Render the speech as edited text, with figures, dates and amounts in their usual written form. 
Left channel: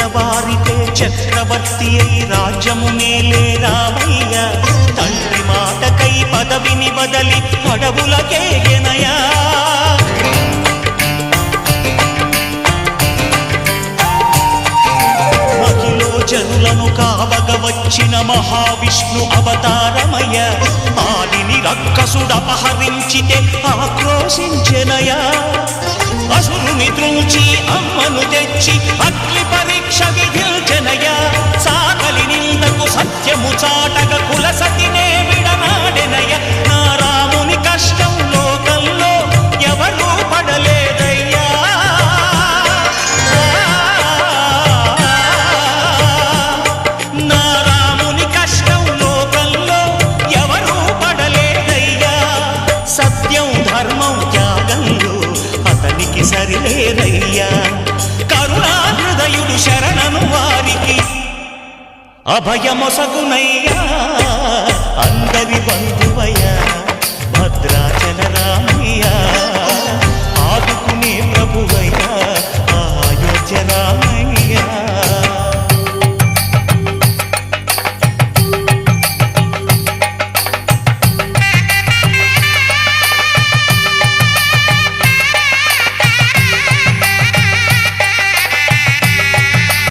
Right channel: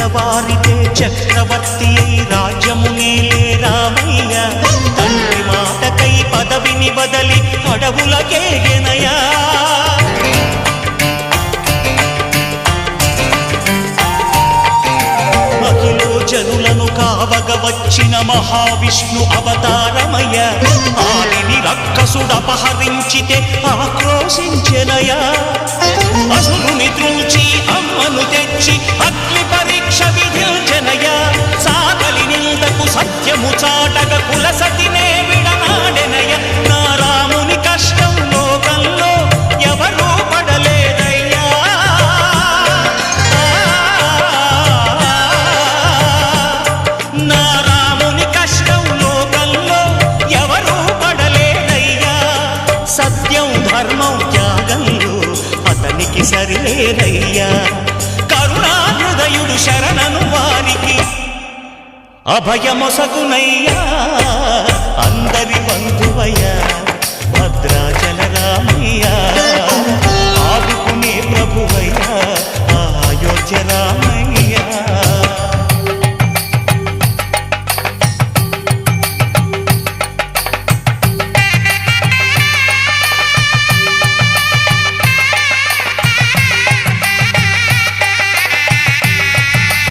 తెల్లవారితే చక్రవర్తి అయి రాజ్యమునేలే రామయ్య తండ్రి మాటకై పదవిని బదలి అడవులకేగెనయా మహిలో జనులను కావగ వచ్చిన మహావిష్ణు అవతారమయ్య ఆలిని రక్కసుడపహరించితే ఆక్రోశించెనయా అసురుని త్రుంచి అమ్మను తెచ్చి అగ్ని పరీక్ష విధించెనయా సాగలి నిందకు సత్యము చాటగ కులసతినే విడనాడెనయ నా రాముని కష్టం లోకంలో ఎవరూ పడలేదయ్యా నా రాముని కష్టం లోకంలో ఎవరూ పడలేదయ్యా సత్యం ధర్మం త్యాగంలో అతనికి సరిలేరయ్యా కరుణా హృదయుడు శరణను వారికి అభయమొసగునయ్యా అందరి బంధువయ్యా భద్రాచల రామయ్యా ఆదుకునే ప్రభువయ్యా అయోధ్య రామయ్యా